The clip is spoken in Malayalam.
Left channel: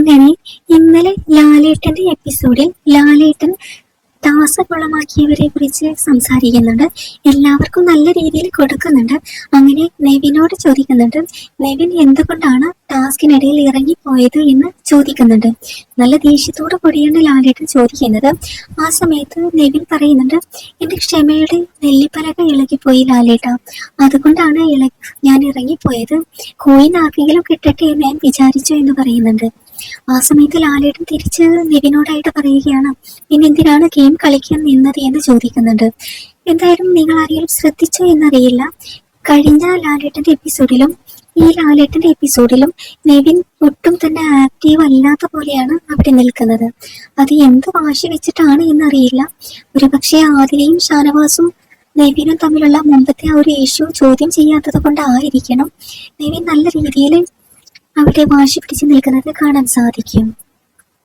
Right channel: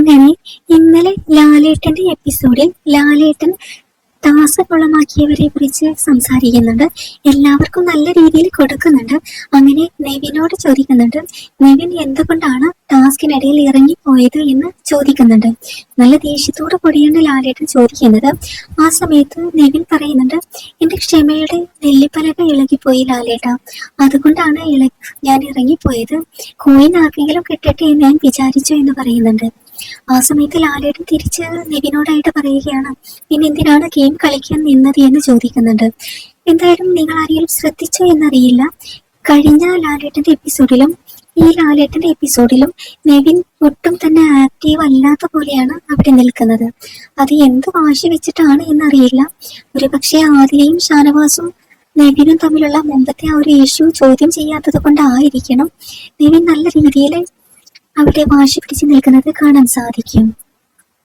അങ്ങനെ ഇന്നലെ ലാലേട്ടന്റെ എപ്പിസോഡിൽ ലാലേട്ടൻ ടാസ്ക് കുളമാക്കിയവരെ കുറിച്ച് സംസാരിക്കുന്നുണ്ട്. എല്ലാവർക്കും നല്ല രീതിയിൽ കൊടുക്കുന്നുണ്ട്. അങ്ങനെ നെവിനോട് ചോദിക്കുന്നുണ്ട് നെവിൻ എന്തുകൊണ്ടാണ് ടാസ്കിനിടയിൽ ഇറങ്ങിപ്പോയത്? എന്ന് ചോദിക്കുന്നുണ്ട്. നല്ല ദേഷ്യത്തോടു കൂടിയാണ് ലാലേട്ടൻ ചോദിക്കുന്നത്. ആ സമയത്ത് നെവിൻ പറയുന്നുണ്ട് എന്റെ ക്ഷമയുടെ നെല്ലിപ്പലക ഇളകിപ്പോയി ലാലേട്ട. അതുകൊണ്ടാണ് ഇള ഞാൻ ഇറങ്ങിപ്പോയത്. കോയിൻ ആർക്കെങ്കിലും കിട്ടട്ടെ എന്ന് ഞാൻ വിചാരിച്ചു എന്ന് പറയുന്നുണ്ട്. ആ സമയത്ത് ലാലേട്ടൻ തിരിച്ച് നിവിനോടായിട്ട് പറയുകയാണ് ഇനി എന്തിനാണ് ഗെയിം കളിക്കാൻ നിന്നത് എന്ന് ചോദിക്കുന്നുണ്ട്. എന്തായാലും നിങ്ങൾ ആരെങ്കിലും ശ്രദ്ധിച്ചോ എന്നറിയില്ല. കഴിഞ്ഞ ലാലേട്ടന്റെ എപ്പിസോഡിലും ഈ ലാലേട്ടന്റെ എപ്പിസോഡിലും നെവിൻ ഒട്ടും തന്നെ ആക്റ്റീവ് അല്ലാത്ത പോലെയാണ് അവിടെ നിൽക്കുന്നത്. അത് എന്ത് വാശി വെച്ചിട്ടാണ് എന്നറിയില്ല. ഒരുപക്ഷെ ആദിലയും ഷാനവാസും നെവിനും തമ്മിലുള്ള മുമ്പത്തെ ആ ഒരു ഇഷ്യൂ ചോദ്യം ചെയ്യാത്തത് കൊണ്ടായിരിക്കണം. നെവിൻ നല്ല രീതിയിൽ അവിടെ വാശി നിൽക്കുന്നത് കാണാൻ സാധിക്കും.